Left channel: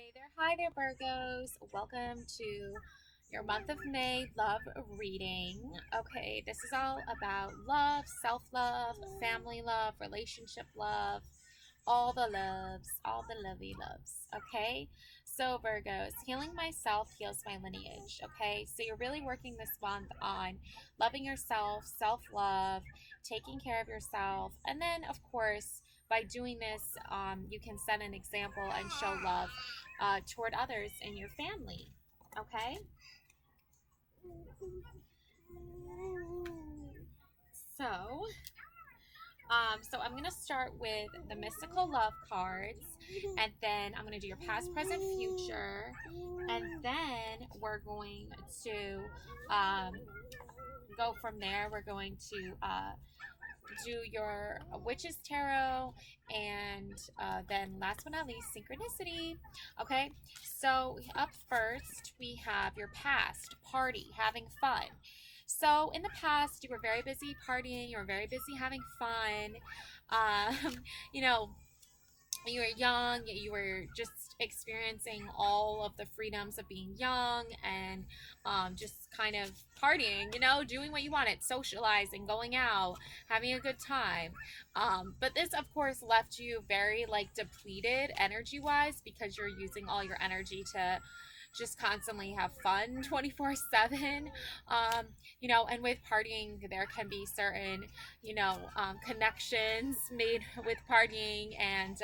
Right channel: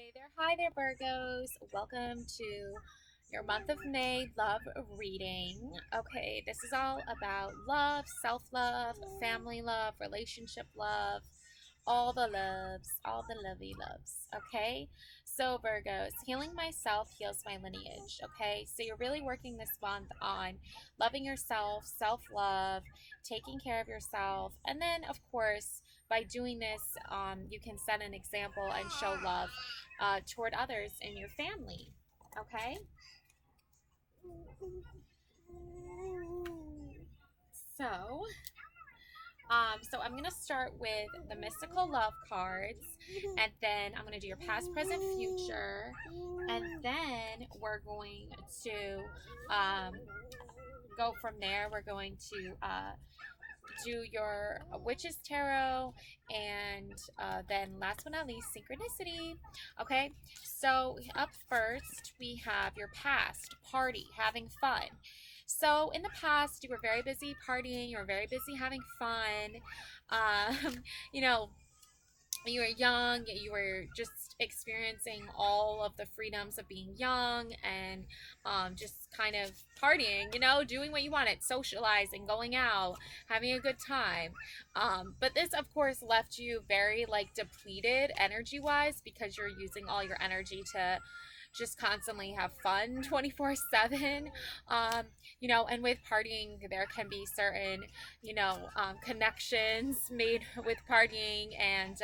Hey there, hi there, Virgos. Welcome to your month of May love reading. Okay, this is all about love, self love, family love, relationship love, all the lovey loves. Okay, so Virgos, healing myself heals my lineage. Okay, so you're really working this month on loving yourself, self love, taking care of yourself, and then, of course, by doing this, you can set an example and show love toward others in your family. Okay? So, so I'm going to start with the mystical love cards, and then I'm going to do your past, present, future, and then we're going to um, go from there. We're going to do your witch's tarot, and then last but not least, synchronicity. Okay, so up first we have your past, party, having fun. So in the past you were very busy partying, you were very busy having fun. You know, you were young, you were just experiencing all of the freedoms of being young, and just kind of partying, doing what you wanted, socializing, going out, having a good time. But this, of course, left you very like depleted energy wise, because you're using all your energy to just constantly have fun 24/7. And with partying there can be certain connections made with partying, and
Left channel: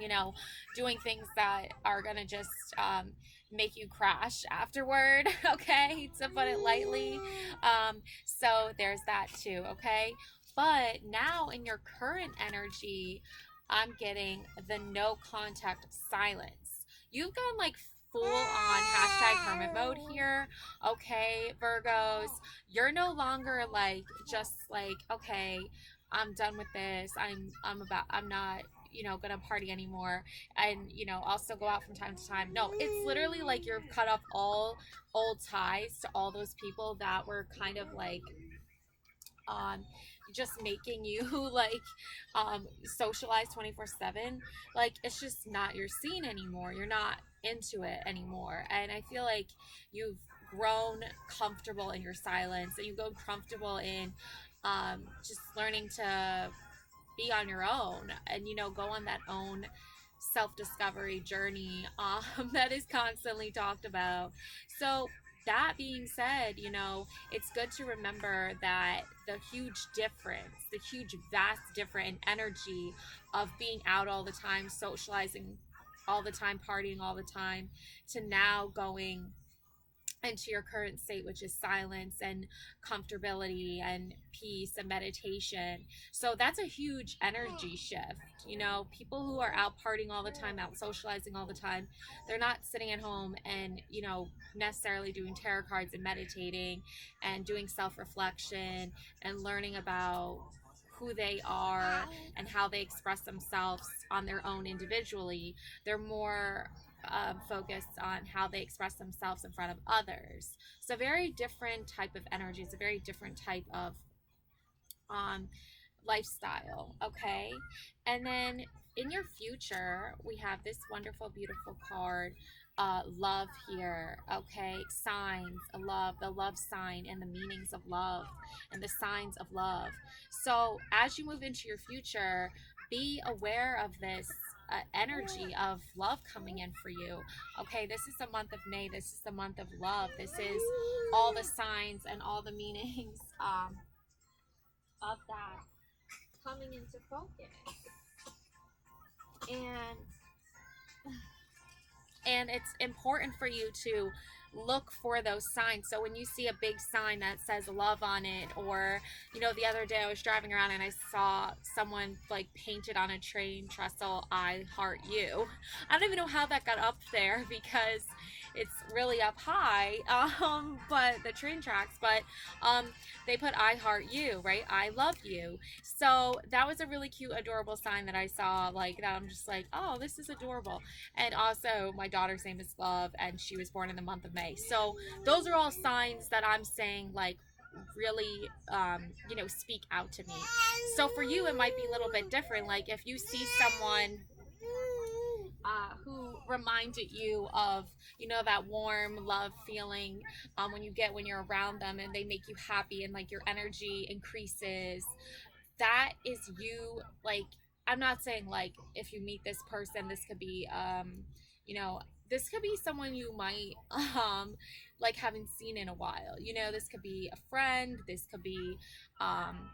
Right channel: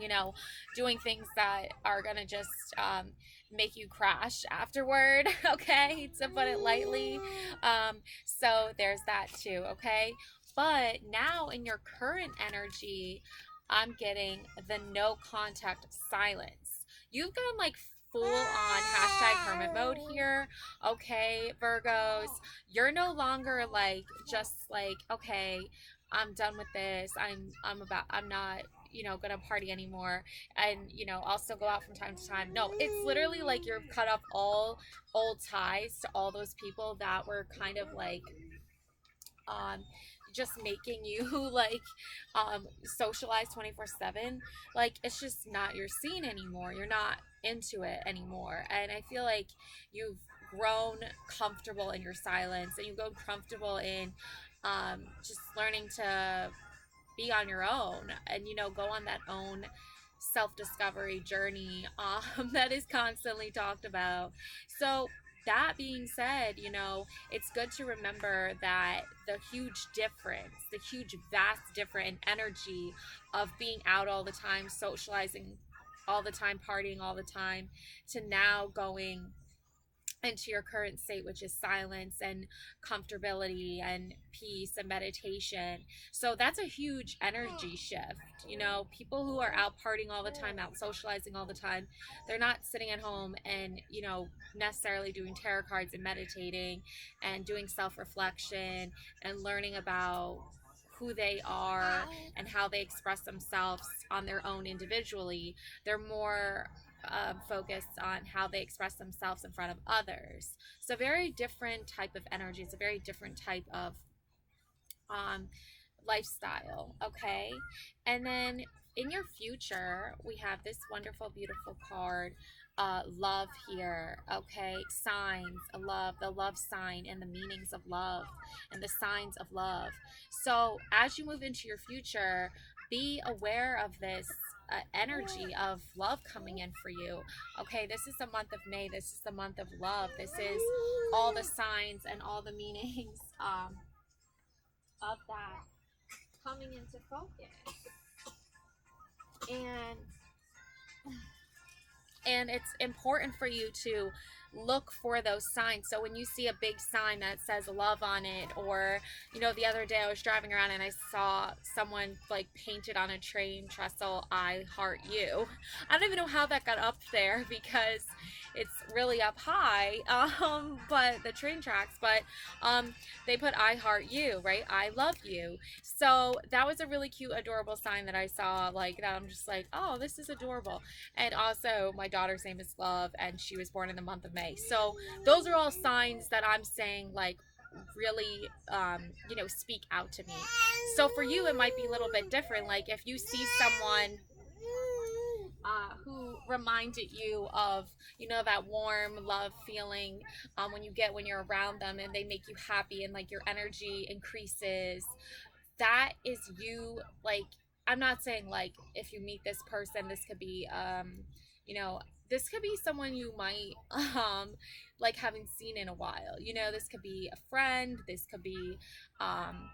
you know doing things that are gonna just make you crash afterward. Okay, to put it lightly. So there's that too. Okay, but now in your current energy, I'm getting the no contact silence. You've gone like full on hashtag hermit mode here. Okay, Virgos, you're no longer like just like, okay, I'm done with this. I'm not gonna party anymore, and also go out from time to time. No, it's literally like you're cut off all old ties to all those people that were kind of like um just making you like socialize 24/7. Like, it's just not your scene anymore, you're not into it anymore, and I feel like you've grown comfortable in your silence, and you've grown comfortable in just learning to be on your own, and go on that own self-discovery journey that is constantly talked about. So that being said, it's good to remember that the huge difference, the huge vast difference in energy of being out all the time, socializing all the time, partying all the time, to now going into your current state, which is silence and comfortability and peace and meditation. So that's a huge energy shift. People who are out partying all the time, out socializing all the time, they're not sitting at home and, necessarily doing tarot cards and meditating and doing self reflection and learning about who they are and how they express themselves on their own individually. They're more focused on how they express themselves in front of others. So, very different type of energy. It's a very different type of um, lifestyle. Okay, and then in your future, we have this wonderful, beautiful card. Love here. Okay, signs of love, the love sign, and the meanings of love, and the signs of love. So as you move into your future, be aware of this energy of love coming in for you. Okay, this is the month of May. This is the month of love. This is all the signs and all the meanings of that coming into focus. And it's important for you to look for those signs. So when you see a big sign that says love on it, or the other day I was driving around and I saw someone like painted on a train trestle, I heart you. I don't even know how that got up there, because it's really up high, but the train tracks, but they put I heart you, right? I love you. So that was a really cute, adorable sign that I saw, like that. I'm just like, oh, this is adorable. And also, my daughter's name is Love, and she was born in the month of May. So those are all signs that I'm saying, like, really, speak out to me. So for you, it might be a little bit different. Like, if you see someone who reminded you of, that warm love feeling, when you're around them and they make you happy and like your energy increases. That is you. Like, I'm not saying like if you meet this person, this could be you know this could be someone you might like haven't seen in a while. This could be a friend, this could be um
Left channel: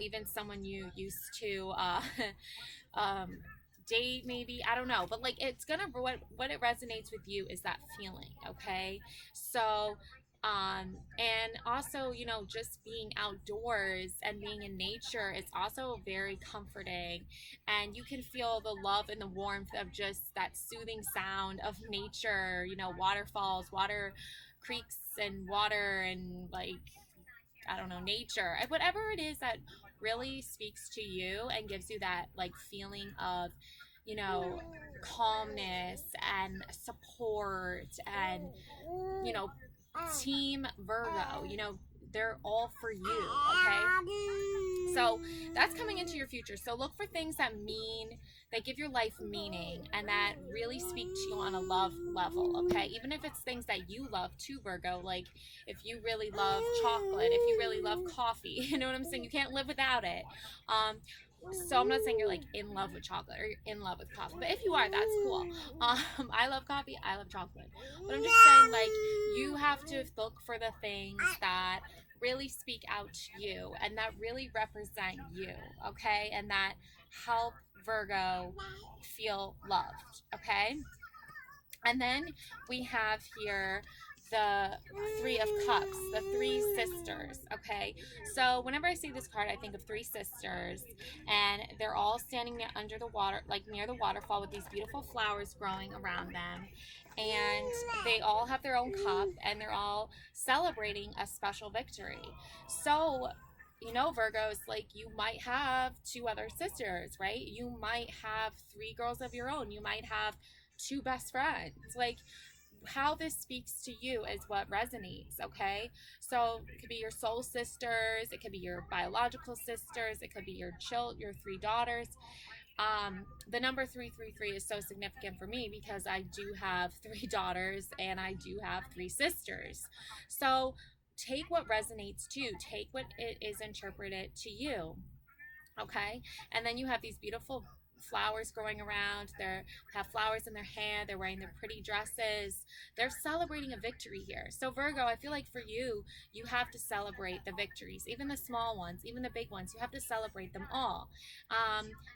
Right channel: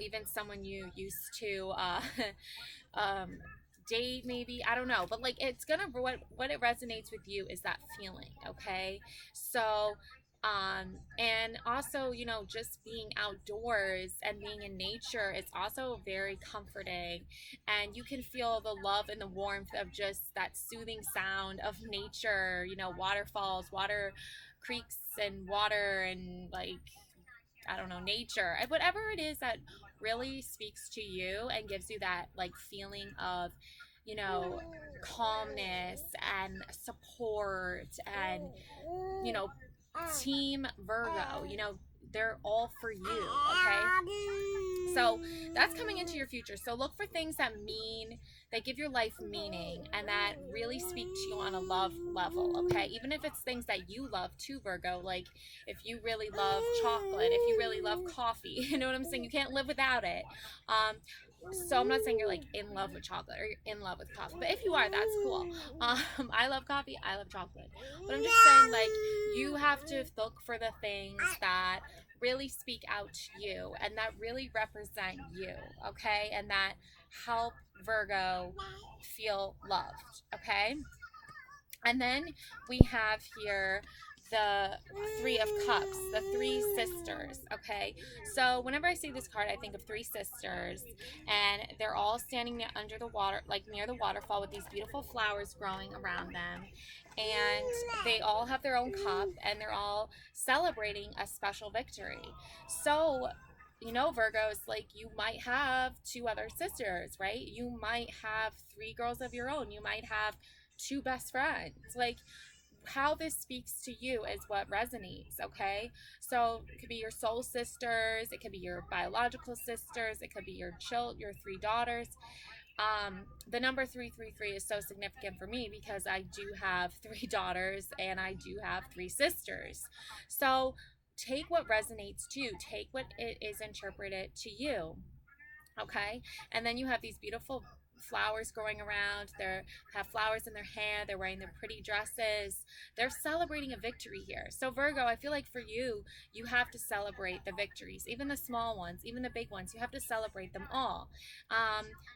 even someone you used to um date, maybe. I don't know, but like it's gonna, what it resonates with you is that feeling. Okay, so and also, just being outdoors and being in nature is also very comforting, and you can feel the love and the warmth of just that soothing sound of nature, waterfalls, water, creeks and water, and like, I don't know, nature, and whatever it is that really speaks to you and gives you that like feeling of, you know, calmness and support, and, you know, team Virgo, they're all for you. Okay. So that's coming into your future. So look for things that give your life meaning and that really speak to you on a love level. Okay. Even if it's things that you love too, Virgo, like if you really love chocolate, if you really love coffee, you know what I'm saying? You can't live without it. Um, so I'm not saying you're like in love with chocolate or you're in love with coffee, but if you are, that's cool. I love coffee, I love chocolate, but I'm just saying, like, you have to look for the things that really speak out to you and that really represent you. Okay, and that help Virgo feel loved. Okay, and then we have here the Three of Cups, the three sisters. Okay, so whenever I see this card, I think of three sisters, and they're all standing under the water, like near the waterfall, with these beautiful flowers growing around them. And they all have their own cup, and they're all celebrating a special victory. So, Virgos, like, you might have two other sisters, right? You might have three girls of your own. You might have two best friends. Like, how this speaks to you is what resonates. Okay, so it could be your soul sisters, it could be your biological sisters, it could be your three daughters. The number 333 is so significant for me because I do have three daughters and I do have three sisters. So take what resonates to you, take what it is interpreted to you. Okay, and then you have these beautiful flowers growing around. They have flowers in their hair, they're wearing their pretty dresses, they're celebrating a victory here. So Virgo, I feel like for you, you have to celebrate the victories, even the small ones, even the big ones. You have to celebrate them all,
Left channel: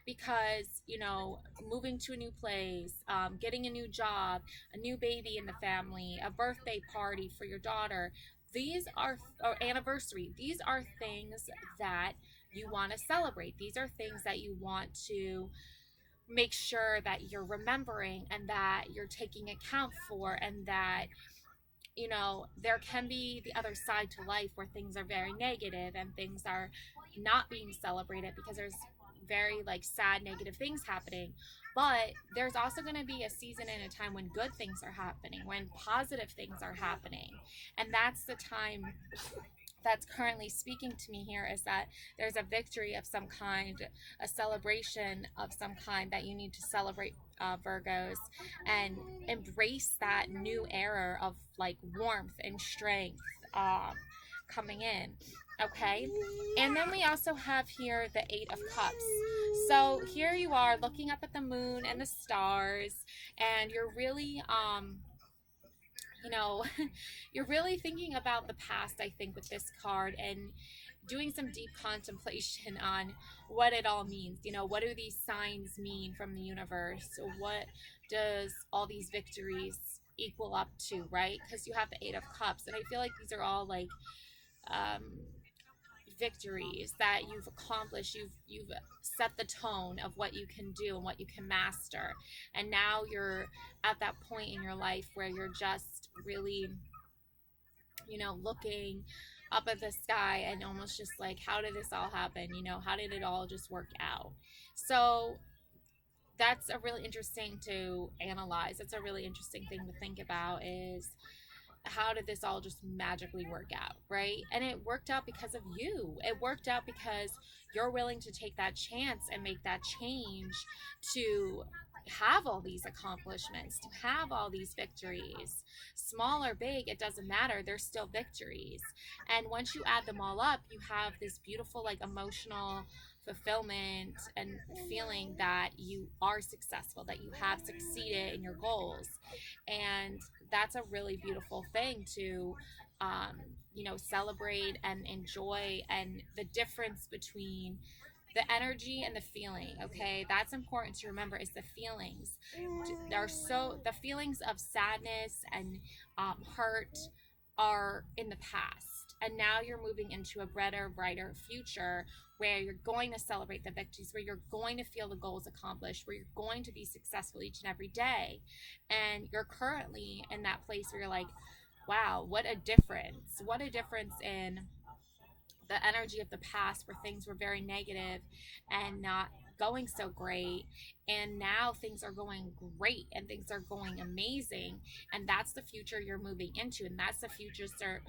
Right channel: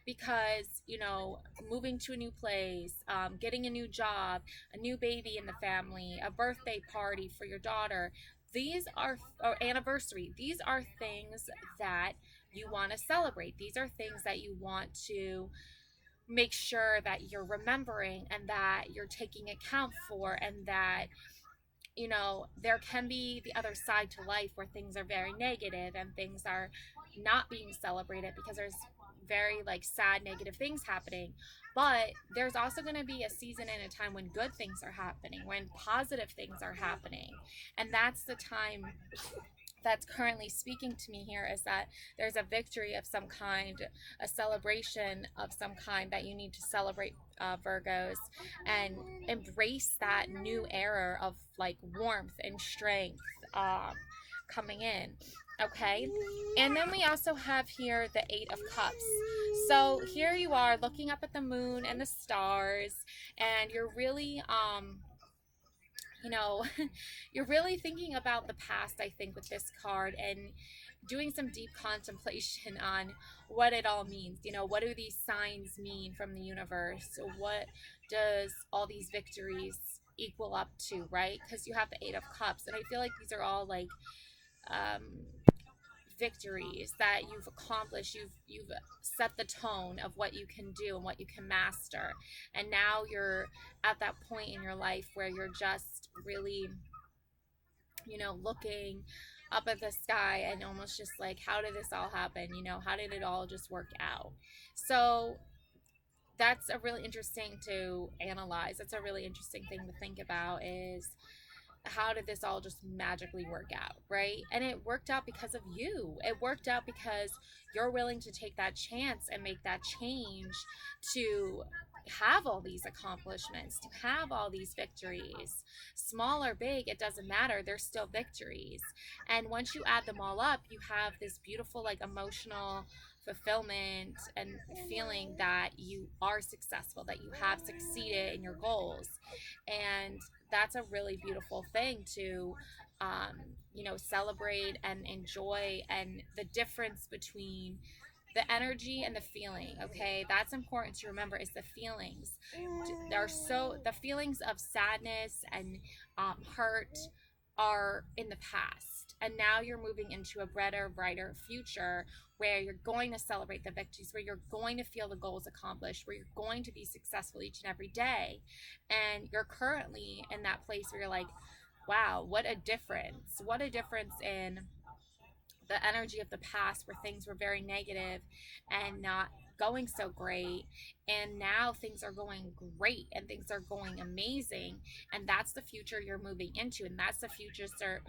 because, moving to a new place, getting a new job, a new baby in the family, a birthday party for your daughter, these are, or anniversary, these are things that you want to celebrate. These are things that you want to make sure that you're remembering and that you're taking account for, and that, there can be the other side to life where things are very negative and things are not being celebrated because there's very like sad negative things happening. But there's also going to be a season and a time when good things are happening, when positive things are happening, and that's the time that's currently speaking to me here, is that there's a victory of some kind, a celebration of some kind that you need to celebrate, Virgos, and embrace that new era of like warmth and strength, coming in. Okay, and then we also have here the Eight of Cups. So here you are looking up at the moon and the stars, and you're really you know, you're really thinking about the past, I think, with this card, and doing some deep contemplation on what it all means. What do these signs mean from the universe? What does all these victories equal up to, right? Because you have the Eight of Cups, and I feel like these are all like um, victories that you've accomplished. You've set the tone of what you can do and what you can master, and now you're at that point in your life where you're just really, looking up at the sky and almost just like, how did this all happen? How did it all just work out? So that's a really interesting to analyze. That's a really interesting thing to think about, is how did this all just magically work out, right? And it worked out because of you. It worked out because you're willing to take that chance and make that change to have all these accomplishments, to have all these victories. Small or big, it doesn't matter. They're still victories. And once you add them all up, you have this beautiful, like, emotional fulfillment and feeling that you are successful, that you have succeeded in your goals. And that's a really beautiful thing to, um, celebrate and enjoy. And the difference between the energy and the feeling, okay, that's important to remember, is the feelings. The feelings of sadness and hurt are in the past, and now you're moving into a better, brighter future where you're going to celebrate the victories, where you're going to feel the goals accomplished, where you're going to be successful each and every day. And you're currently in that place where you're like, wow, what a difference in the energy of the past, where things were very negative and not going so great, and now things are going great and things are going amazing. And that's the future you're moving into, and that's the future, sir,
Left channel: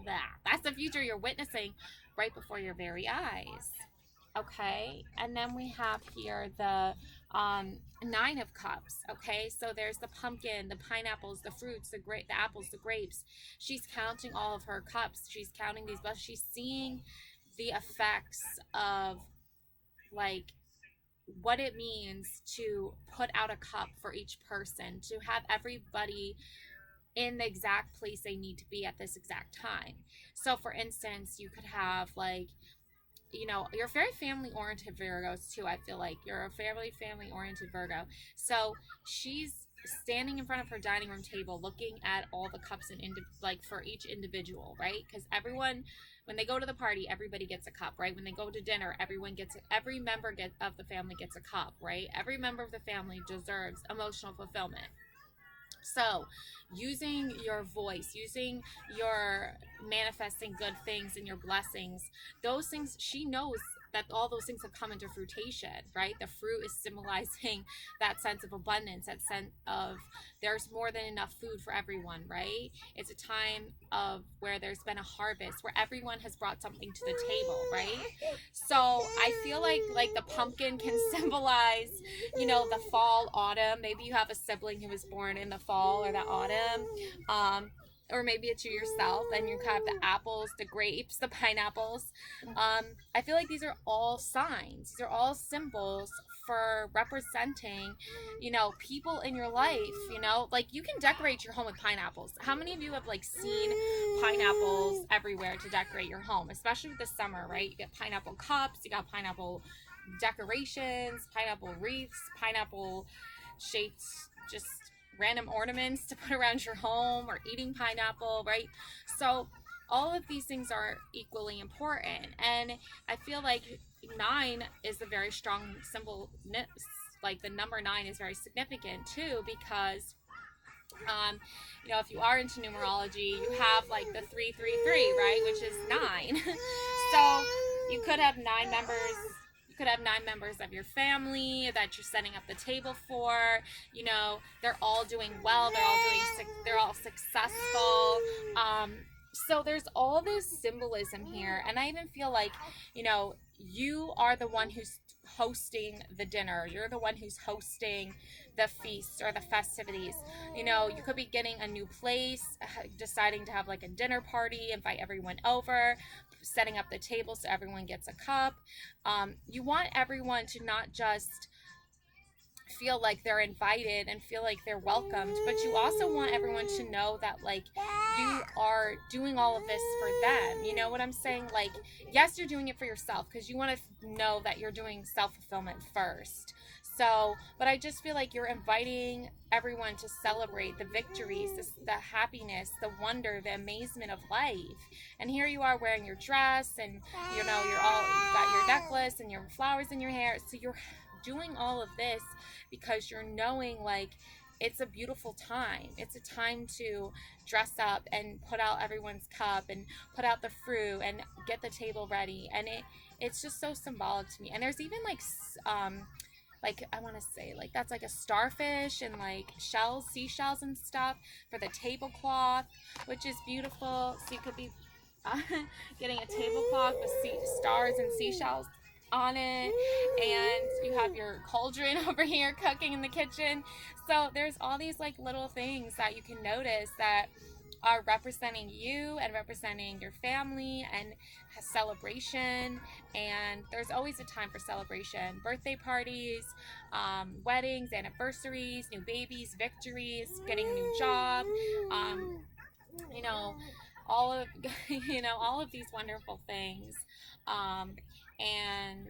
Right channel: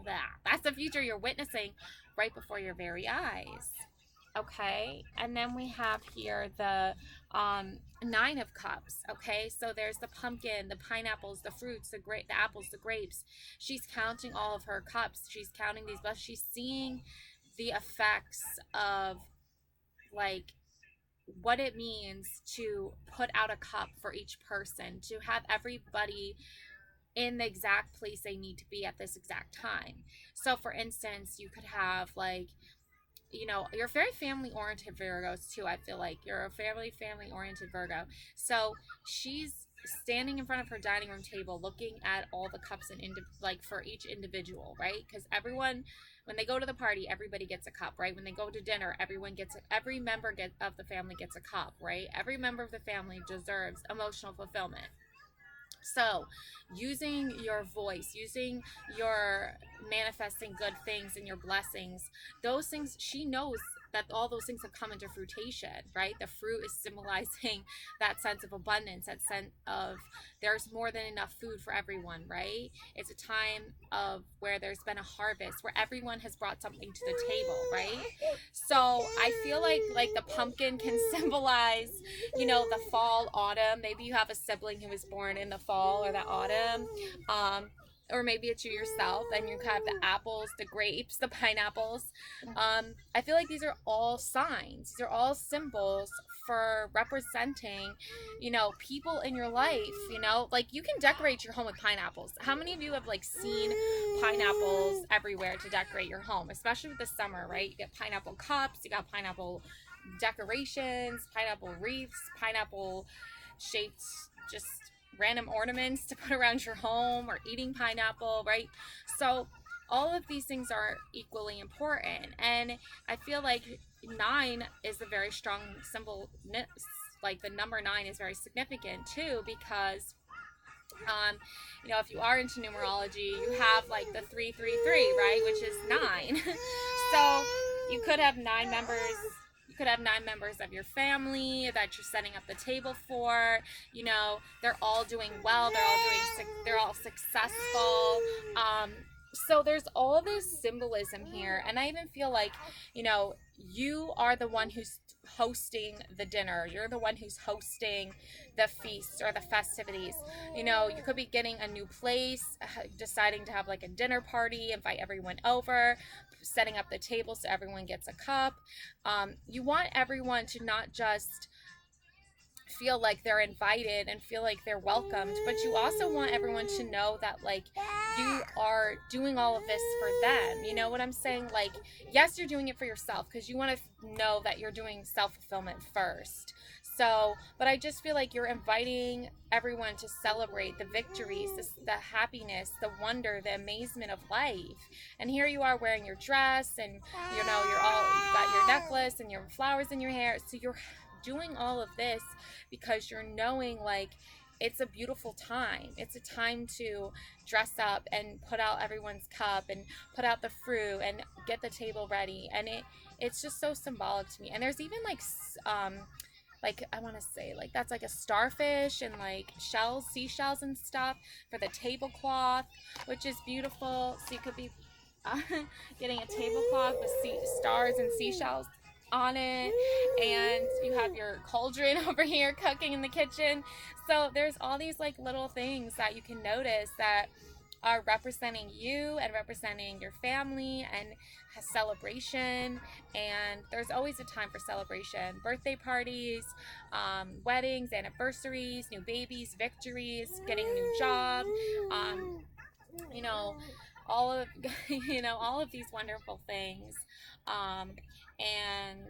that's the future you're witnessing right before your very eyes. Okay, and then we have here the Nine of Cups. Okay, so there's the pumpkin, the pineapples, the fruits, the apples, the grapes. She's counting all of her cups. She's counting these, but she's seeing the effects of, like, what it means to put out a cup for each person, to have everybody in the exact place they need to be at this exact time. So for instance, you could have, like, you're very family oriented Virgos too. I feel like you're a family oriented Virgo. So she's standing in front of her dining room table looking at all the cups and like for each individual, right? Because everyone, when they go to the party, everybody gets a cup, right? When they go to dinner, every member of the family gets a cup, right? Every member of the family deserves emotional fulfillment. So, using your voice, using your manifesting good things and your blessings, those things, she knows that all those things have come into fruition, right? The fruit is symbolizing that sense of abundance, that sense of there's more than enough food for everyone, right? It's a time of where there's been a harvest, where everyone has brought something to the table, right? So I feel like the pumpkin can symbolize, the fall, autumn. Maybe you have a sibling who was born in the fall or the autumn. Or maybe it's you yourself, and you have the apples, the grapes, the pineapples. I feel like these are all signs. These are all symbols for representing, people in your life. Like, you can decorate your home with pineapples. How many of you have, like, seen pineapples everywhere to decorate your home, especially with the summer, right? You get pineapple cups, you got pineapple decorations, pineapple wreaths, pineapple shaped, just random ornaments to put around your home, or eating pineapple, right? So all of these things are equally important. And I feel like 9 is a very strong symbol. Like, the number 9 is very significant too, because if you are into numerology, you have, like, the 333, right, which is 9. So you could have 9 members. Could have 9 members of your family that you're setting up the table for. They're all doing well. They're all successful. So there's all this symbolism here, and I even feel like, you are the one who's hosting the dinner. You're the one who's hosting the feast or the festivities. You could be getting a new place, deciding to have, like, a dinner party, invite everyone over, setting up the table so everyone gets a cup. You want everyone to not just feel like they're invited and feel like they're welcomed, but you also want everyone to know that, like, you are doing all of this for them. You know what I'm saying? Like, yes, you're doing it for yourself, because you want to know that you're doing self-fulfillment first. So, but I just feel like you're inviting everyone to celebrate the victories, the happiness, the wonder, the amazement of life. And here you are wearing your dress, and you've got your necklace and your flowers in your hair. So you're doing all of this because you're knowing, like, it's a beautiful time. It's a time to dress up and put out everyone's cup and put out the fruit and get the table ready. And it's just so symbolic to me. And there's even, like, I want to say, like, that's like a starfish and, like, seashells and stuff for the tablecloth, which is beautiful. So you could be getting a tablecloth with stars and seashells. on it, and you have your cauldron over here cooking in the kitchen. So there's all these like little things that you can notice that are representing you and representing your family and celebration. And there's always a time for celebration: birthday parties, weddings, anniversaries, new babies, victories, getting a new job, um, you know, all of all of these wonderful things, um, and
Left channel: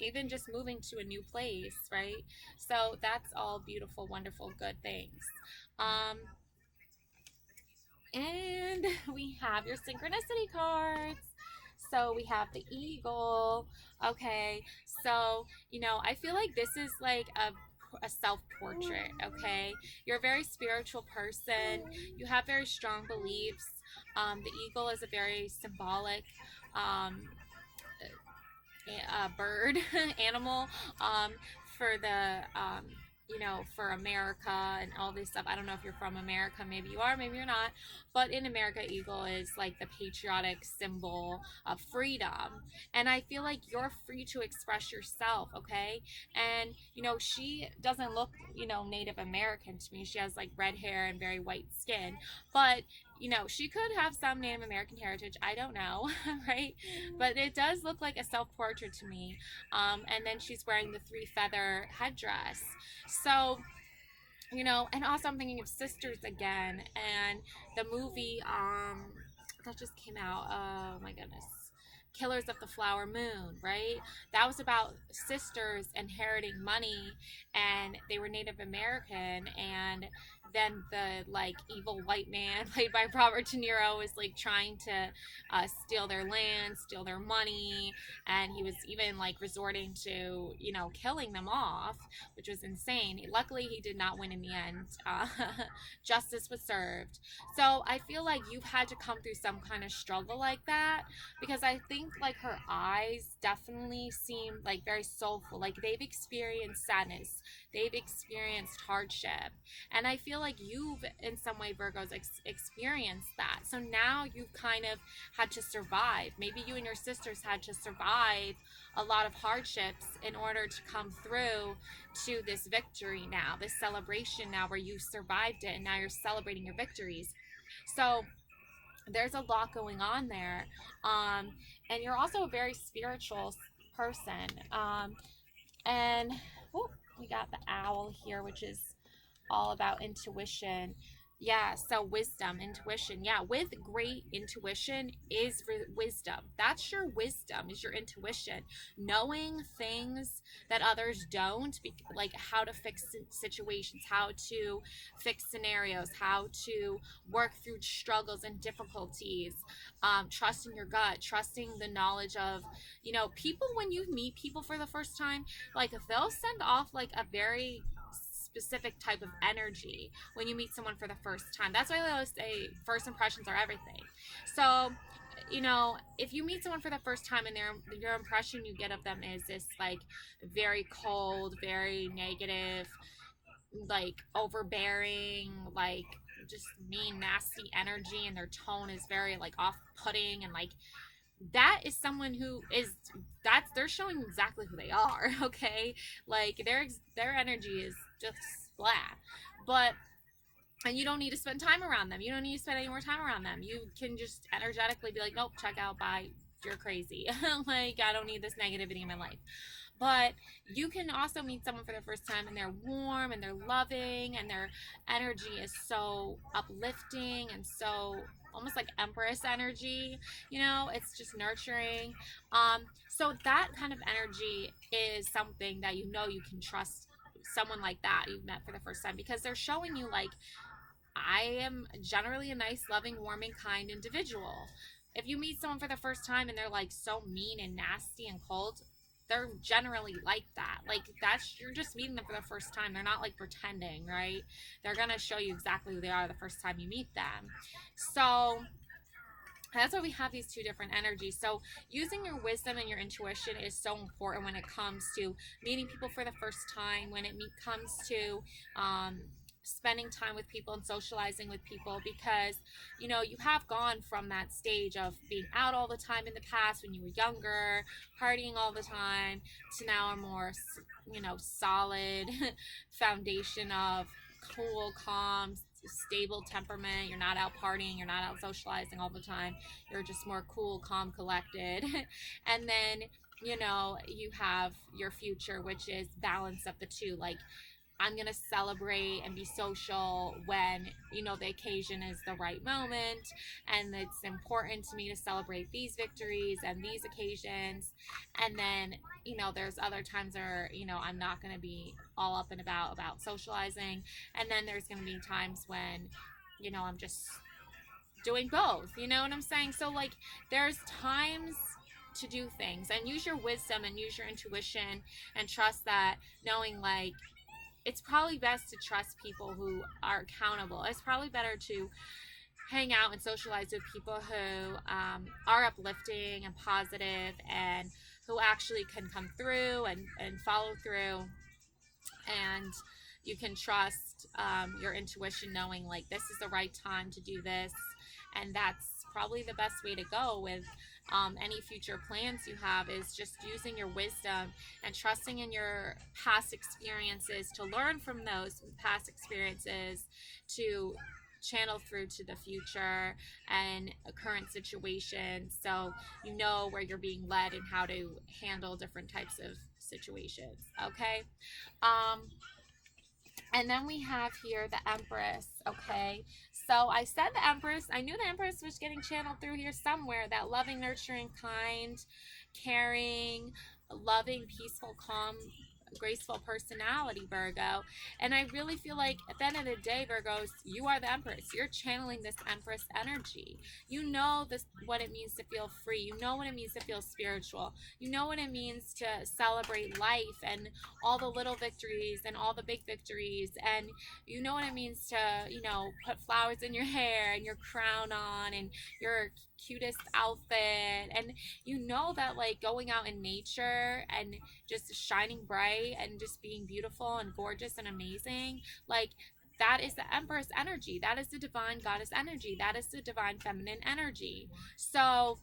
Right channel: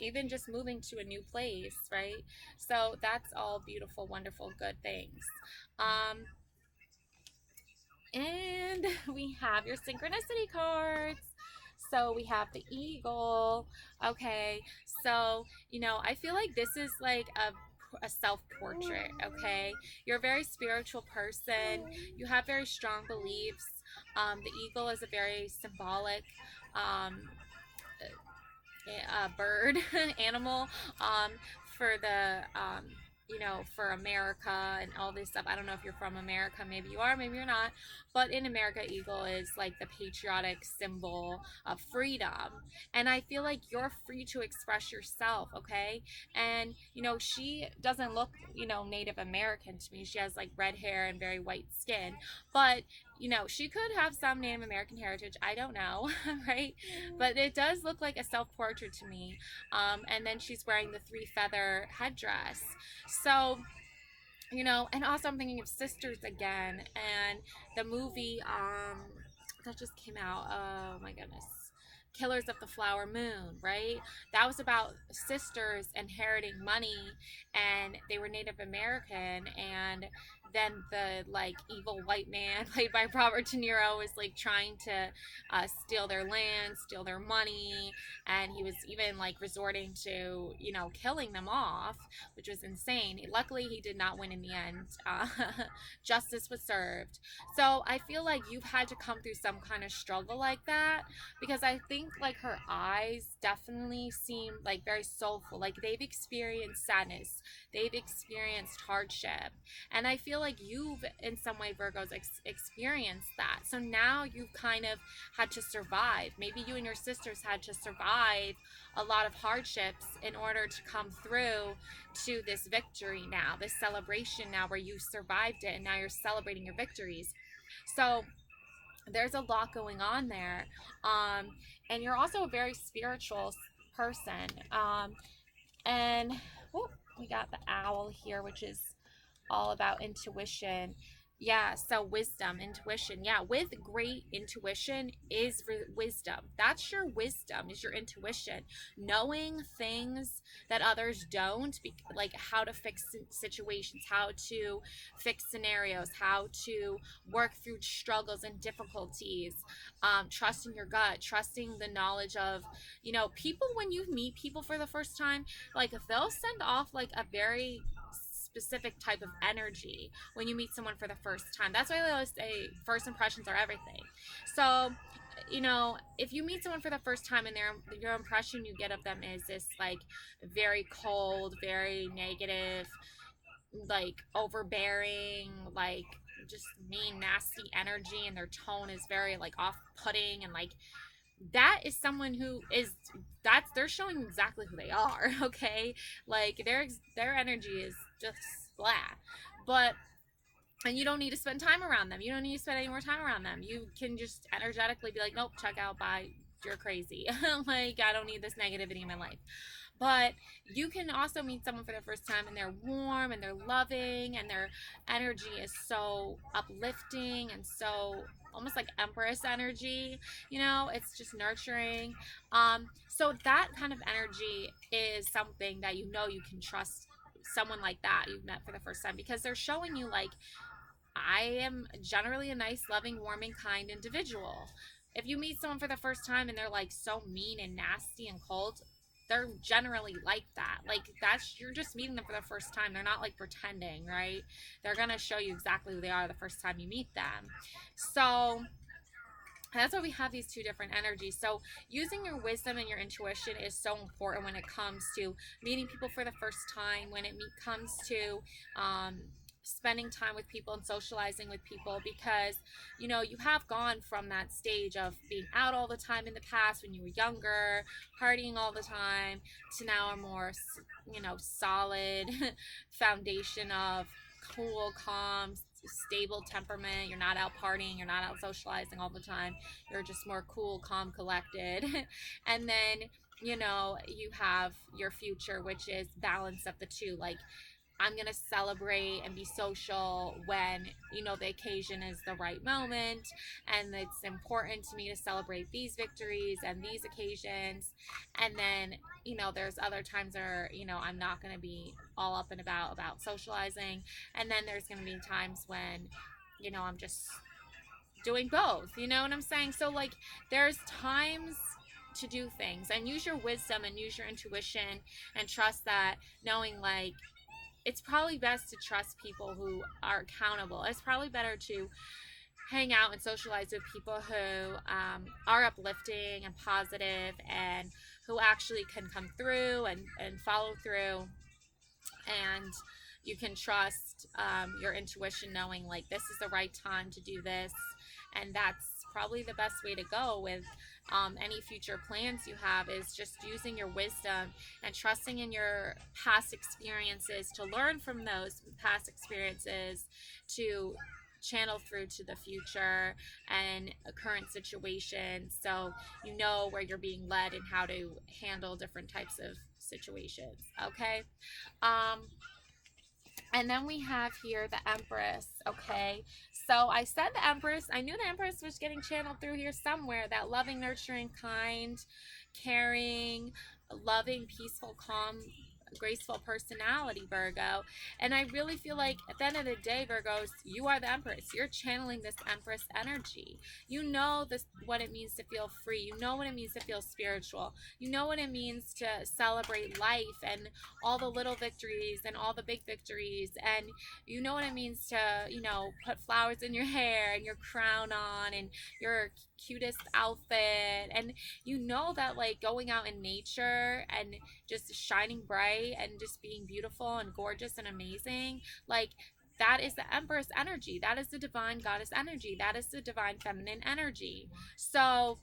even just moving to a new place, right? So that's all beautiful, wonderful, good things. um, and we have your synchronicity cards. So we have the eagle. Okay. So, I feel like this is like a self portrait. Okay. You're a very spiritual person. You have very strong beliefs. The eagle is a very symbolic um, bird animal, um, for the for America and all this stuff. I don't know if you're from America, maybe you are, maybe you're not, but in America, eagle is like the patriotic symbol of freedom. And I feel like you're free to express yourself. Okay. And she doesn't look Native American to me. She has like red hair and very white skin, but she could have some Native American heritage. I don't know, right? But it does look like a self portrait to me. And then she's wearing the three feather headdress. So, and also I'm thinking of Sisters again, and the movie that just came out. Oh my goodness. Killers of the Flower Moon, right? That was about sisters inheriting money, and they were Native American, and then the like evil white man played by Robert De Niro was like trying to steal their land, steal their money, and he was even like resorting to killing them off, which was insane. Luckily, he did not win in the end. Justice was served. So I feel like you've had to come through some kind of struggle like that, because I think like her eyes definitely seem like very soulful. Like they've experienced sadness, they've experienced hardship, and I feel like you've in some way, Virgos, experienced that. So now you've kind of had to survive. Maybe you and your sisters had to survive a lot of hardships in order to come through to this victory now, this celebration now, where you survived it and now you're celebrating your victories. So there's a lot going on there. And you're also a very spiritual person. And oh, we got the owl here, which is all about intuition. Yeah, so wisdom, intuition. Yeah, with great intuition is wisdom. That's your wisdom, is your intuition. Knowing things that others don't, like how to fix situations, how to fix scenarios, how to work through struggles and difficulties, trusting your gut, trusting the knowledge of, people. When you meet people for the first time, like they'll send off like a very specific type of energy when you meet someone for the first time. That's why I always say first impressions are everything. So, if you meet someone for the first time and your impression you get of them is this like very cold, very negative, like overbearing, like just mean, nasty energy, and their tone is very like off-putting, and like that is someone who is they're showing exactly who they are. Okay, like their energy is just blah. But and you don't need to spend time around them, you don't need to spend any more time around them. You can just energetically be like, nope, check out, bye, you're crazy. Like, I don't need this negativity in my life. But you can also meet someone for the first time and they're warm and they're loving and their energy is so uplifting and so almost like Empress energy. It's just nurturing. So that kind of energy is something that you can trust someone like that you've met for the first time, because they're showing you like, I am generally a nice, loving, warming, kind individual. If you meet someone for the first time and they're like so mean and nasty and cold, they're generally like that. Like, that's, you're just meeting them for the first time. They're not like pretending, right? They're gonna show you exactly who they are the first time you meet them. So that's why we have these two different energies. So using your wisdom and your intuition is so important when it comes to meeting people for the first time, when it comes to spending time with people and socializing with people, because you have gone from that stage of being out all the time in the past when you were younger, partying all the time, to now a more solid foundation of cool, calm, stable temperament. You're not out partying, you're not out socializing all the time, you're just more cool, calm, collected. And then you have your future, which is balance of the two. Like, I'm going to celebrate and be social when, the occasion is the right moment. And it's important to me to celebrate these victories and these occasions. And then, there's other times where, I'm not going to be all up and about socializing. And then there's going to be times when, I'm just doing both. You know what I'm saying? So, like, there's times to do things, and use your wisdom and use your intuition, and trust that, knowing, like, it's probably best to trust people who are accountable. It's probably better to hang out and socialize with people who are uplifting and positive, and who actually can come through and follow through. And you can trust your intuition, knowing, like, this is the right time to do this. And that's probably the best way to go with any future plans you have, is just using your wisdom and trusting in your past experiences, to learn from those past experiences, to channel through to the future and a current situation, so you know where you're being led and how to handle different types of situations. Okay. um and then we have here the Empress. Okay. So I said the Empress. I knew the Empress was getting channeled through here somewhere. That loving, nurturing, kind, caring, loving, peaceful, calm, graceful personality, Virgo. And I really feel like at the end of the day, Virgos, you are the Empress. You're channeling this Empress energy. You know this, what it means to feel free. You know what it means to feel spiritual. You know what it means to celebrate life and all the little victories and all the big victories. And you know what it means to, put flowers in your hair and your crown on and your cutest outfit. And you know that, like, going out in nature and just shining bright and just being beautiful and gorgeous and amazing, like, that is the Empress energy. That is the divine goddess energy. That is the divine feminine energy. So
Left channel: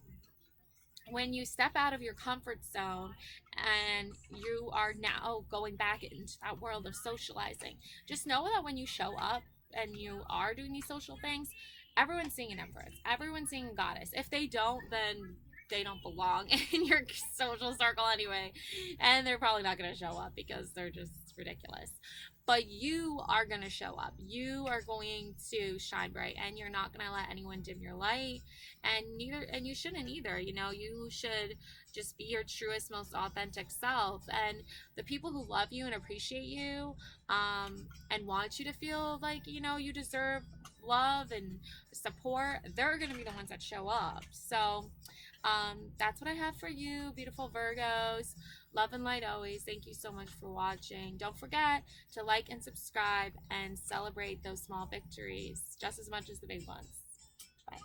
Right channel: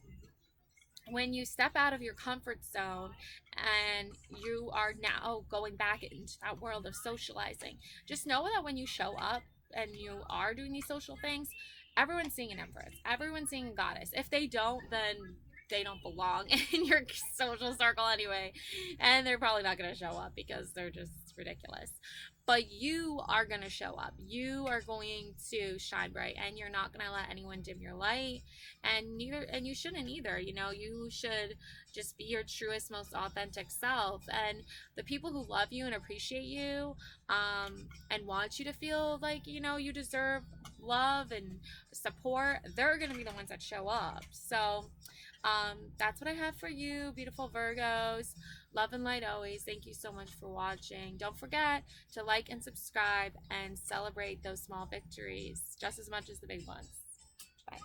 when you step out of your comfort zone and you are now going back into that world of socializing, just know that when you show up and you are doing these social things, everyone's seeing an Empress, everyone's seeing a goddess. If they don't, then they don't belong in your social circle anyway, and they're probably not going to show up because they're just ridiculous. But you are going to show up. You are going to shine bright, and you're not going to let anyone dim your light. And you shouldn't either. You should just be your truest, most authentic self. And the people who love you and appreciate you, and want you to feel like, you deserve love and support, they're going to be the ones that show up. So that's what I have for you, beautiful Virgos. Love and light always. Thank you so much for watching. Don't forget to like and subscribe and celebrate those small victories just as much as the big ones. Bye.